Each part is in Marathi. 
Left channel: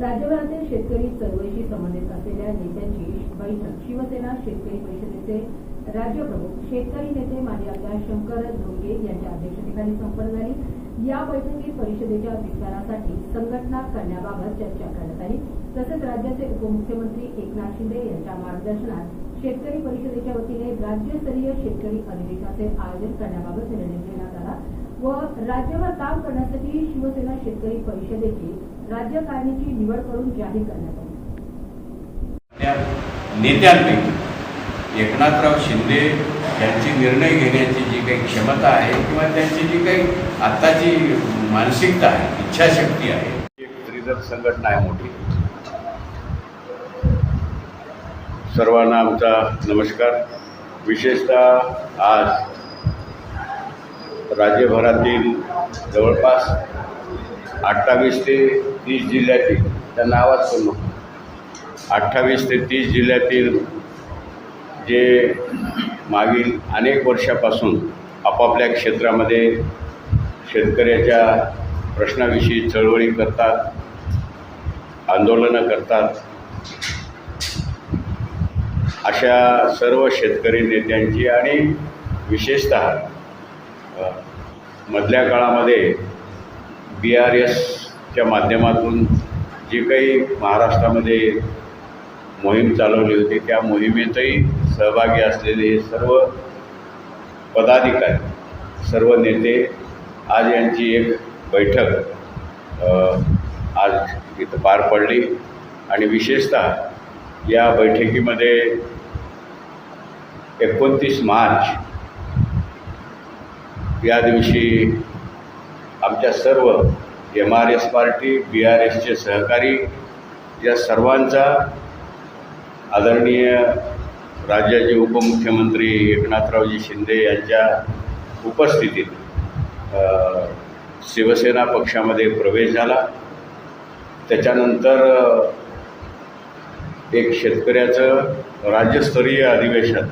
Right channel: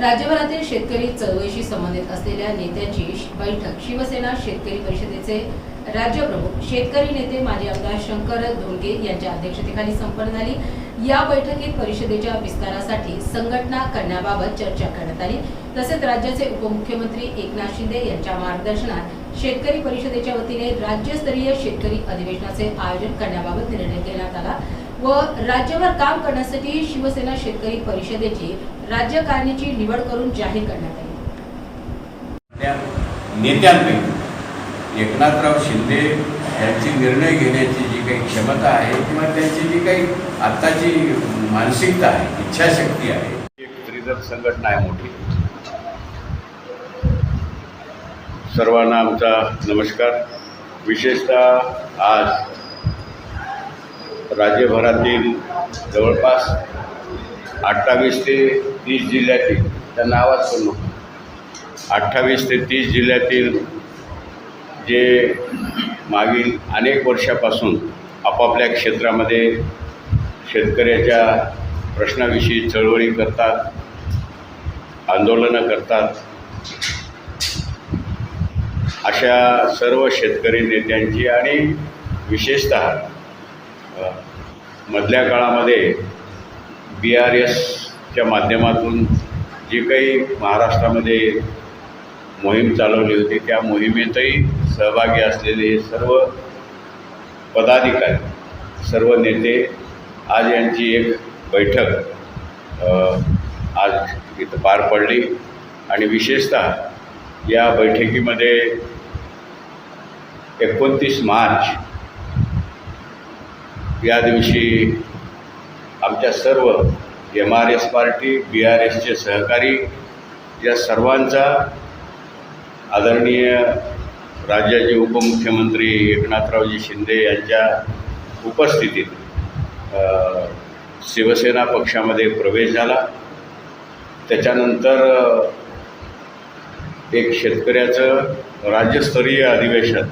राज्यभरातील शेतकरी चळवळीशी संबंधित असलेल्या नेत्यांची बैठक शिवसेना शेतकरी परिषदेचे राज्यप्रमुख शेतकरी नेते माजी आमदार शंकर धोंडगे यांच्या अध्यक्षतेखाली संपन्न झाली। या बैठकीत परिषदेच्या विस्तारासाठी संघटना करण्याबाबत चर्चा करण्यात आली। तसेच राज्याचे उपमुख्यमंत्री एकनाथ शिंदे यांच्या मार्गदर्शनात शेतकरी परिषदेच्या वतीने राज्यस्तरीय शेतकरी अधिवेशनाचे आयोजन करण्याबाबत निर्णय घेण्यात आला व राज्यभर काम करण्यासाठी शिवसेना शेतकरी परिषदेची राज्यकारिणीची निवड करून जाहीर करण्यात आली। नेत्यांपैकी एकनाथराव शिंदे यांची निर्णय घेण्याची जी काही क्षमता आहे किंवा त्यांची जी काही आत्ताची मानसिकता आहे, इच्छाशक्ती आहे, एक त्रिदल संघटना आहे मोठी। सर्वांना आमचा नमस्कार। विशेषतः आज राज्यभरातील जवळपास 28 ते 30 जिल्ह्यातील, त्यांना आवाज करू नको, 28 ते 30 जिल्ह्यातील जे मागील अनेक वर्षापासून आपापल्या क्षेत्रामध्ये शेतकऱ्याच्या प्रश्नाविषयी चळवळी करतात, आंदोलनं करतात, अशा सर्व शेतकरी नेत्यांची आणि विशेषतः मधल्या काळामध्ये BRSच्या माध्यमातून जी काही महाराष्ट्रामध्ये मोहीम चालवली होती, त्या मोहिमेतही सहभागी असलेले सर्व पदाधिकारी, सर्व नेते आज यांची एक बैठक आज इथं पार पडली आणि विशेषतः या बैठकीमध्ये 29 मार्च या दिवशी आमच्या सर्व MRS पार्टी, BRSचे सहकारी या सर्वांचा आदरणीय राज्याचे उपमुख्यमंत्री एकनाथरावजी शिंदे यांच्या उपस्थितीत शिवसेना पक्षामध्ये प्रवेश झाला। त्याच्यानंतर एक शेतकऱ्याचं राज्यस्तरीय अधिवेशन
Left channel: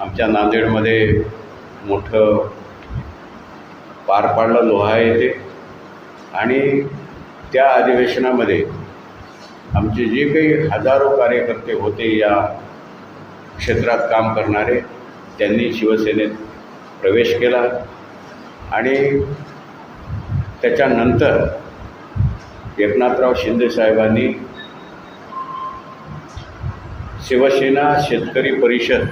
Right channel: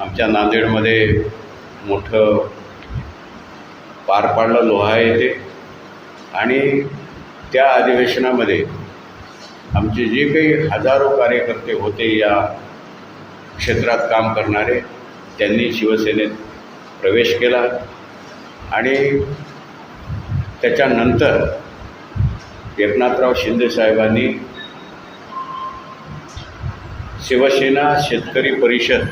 आमच्या नांदेडमध्ये मोठं पार पाडलं, लोहा येथे, आणि त्या अधिवेशनामध्ये आमचे जे काही हजारो कार्यकर्ते होते या क्षेत्रात काम करणारे, त्यांनी शिवसेनेत प्रवेश केला आणि त्याच्यानंतर एकनाथराव शिंदे साहेबांनी शिवसेना शेतकरी परिषद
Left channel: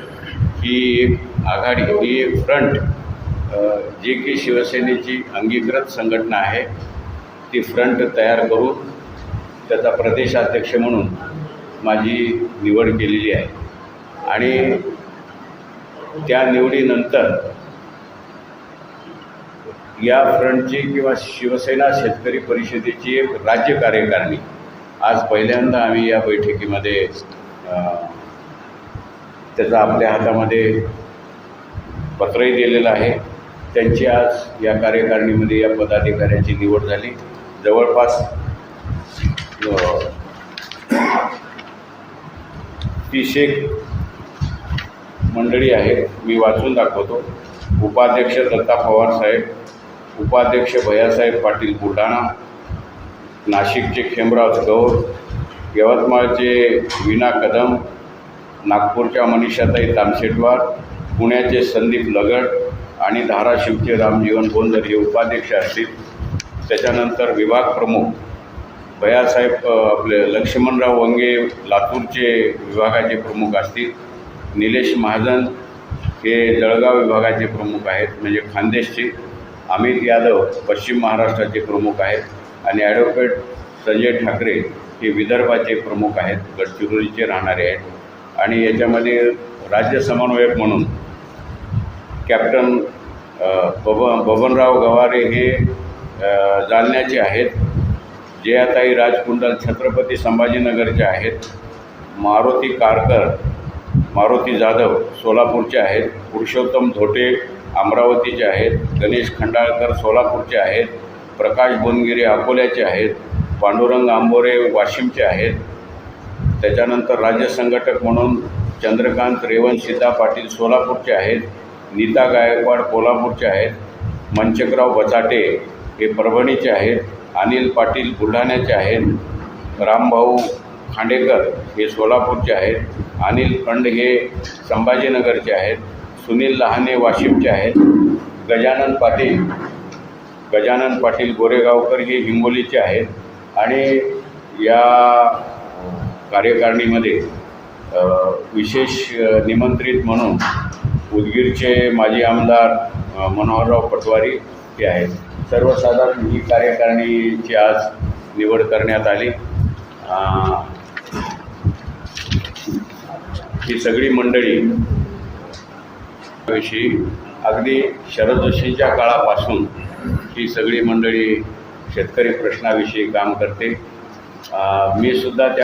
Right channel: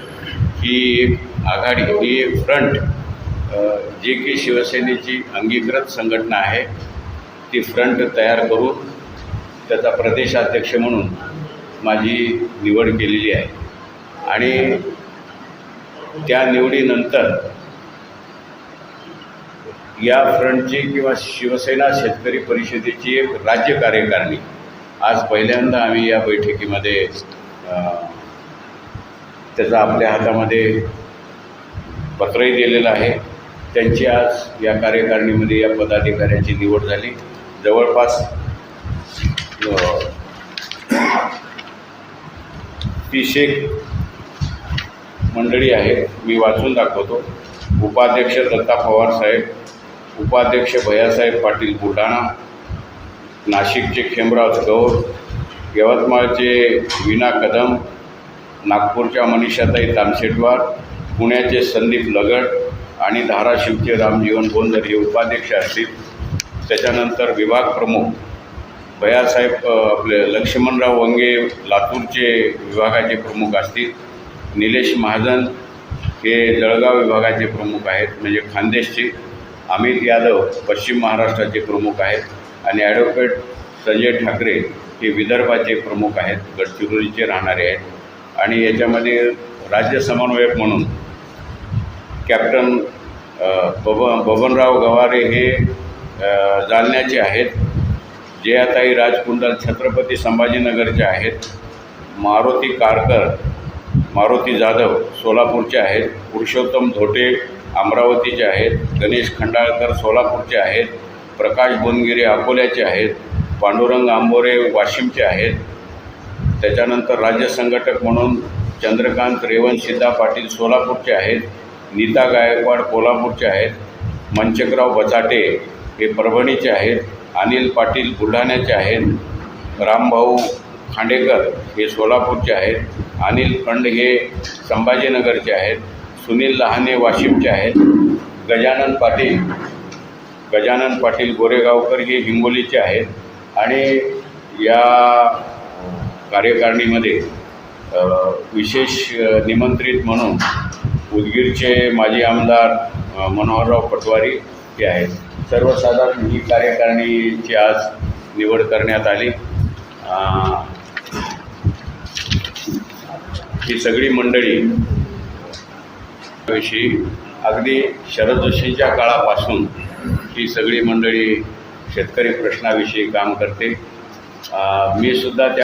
ही एक आघाडी, ही एक फ्रंट, जी की शिवसेनेची अंगीकृत संघटना आहे, ती फ्रंट तयार करून त्याचा प्रदेशाध्यक्ष म्हणून माझी निवड केलेली आहे आणि त्या निवडीनंतर या फ्रंटची किंवा शिवसेना शेतकरी परिषदेची एक राज्य कार्यकारिणी आज पहिल्यांदा आम्ही या बैठकीमध्ये त्याचा आपल्या हातामध्ये पत्रही दिलेलं आहे। त्यांची आज या कार्यकारिणीमध्ये या पदाधिकाऱ्यांची निवड झाली। जवळपास 30 मंडळी आहेत, मी वाचून दाखवतो। उपाध्यक्ष दत्ता पवार साहेब, उपाध्यक्ष भैयासाहेब पाटील बुलढाणा, नाशिकचे खेमराज गौर, यवतमाळचे विना कदम, नागपूरच्या मनीषाताई तामसेटवार, पुण्याचे संदीप लगड आणि धाराशिवचे रामजीवन बोंदर हे उपाध्यक्ष असतील। त्याच्यानंतर विभाग प्रमुख भैयासाहेब आपले लक्ष्मणराव वंगे लातूरचे विभागाचे प्रमुख असतील, निलेश महाजन हे जळगाव विभागाचे प्रमुख आहेत म्हणजे खानदेशचे, अमित यादव पश्चिम महाराष्ट्राचे प्रमुख आहेत आणि ॲडव्होकेट संजय ठाकरे हे विदर्भाचे प्रमुख आहेत, गडचिरोलीचे राहणारे आहेत। आणि याच्यामध्ये राज्य समन्वयक म्हणून कॅप्टन बबनराव गवारे हे जालन्याचे आहेत, जयाताई राजकुंडल छत्रपती संभाजीनगरचे आहेत, मारुती कारकर मारुती जाधव सोलापूरचे आहेत, पुरुषोत्तम धोटे अमरावतीचे आहेत, गणेश खंडाळकर सोलापूरचे आहेत, प्रकाश बोनगिरे अकोल्याचे आहेत, पांडुरंग आंबोरे वाशिमचे आहेत। त्याच्यानंतर राज्य संघटक म्हणून चंद्रकांत रेवणसिद्धा पाटील सोलापूरचे आहेत, नीता गायकवाड कोल्हापूरचे आहेत, मनचकराव बचाटे हे परभणीचे आहेत, अनिल पाटील बुलढाण्याचे आहेत, रामभाऊ खांडेकर हे सोलापूरचे आहेत, अनिल खंड हे संभाजीनगरचे आहेत, सुनील लहाने वाशिमचे आहेत, गजानन पाटील गोरेगावकर हे हिंगोलीचे आहेत आणि या कार्यकारिणीमध्ये विशेष निमंत्रित म्हणून उदगीरचे माजी आमदार मनोहरराव पटवारी हे आहेत. सर्वसाधारण ही कार्यकारिणीची आज निवड करण्यात आली. ही सगळी मंडळी विषयी अगदी शरद जोशींच्या काळापासून ही सगळी मंडळी शेतकरी प्रश्नाविषयी काम करते. मी सुद्धा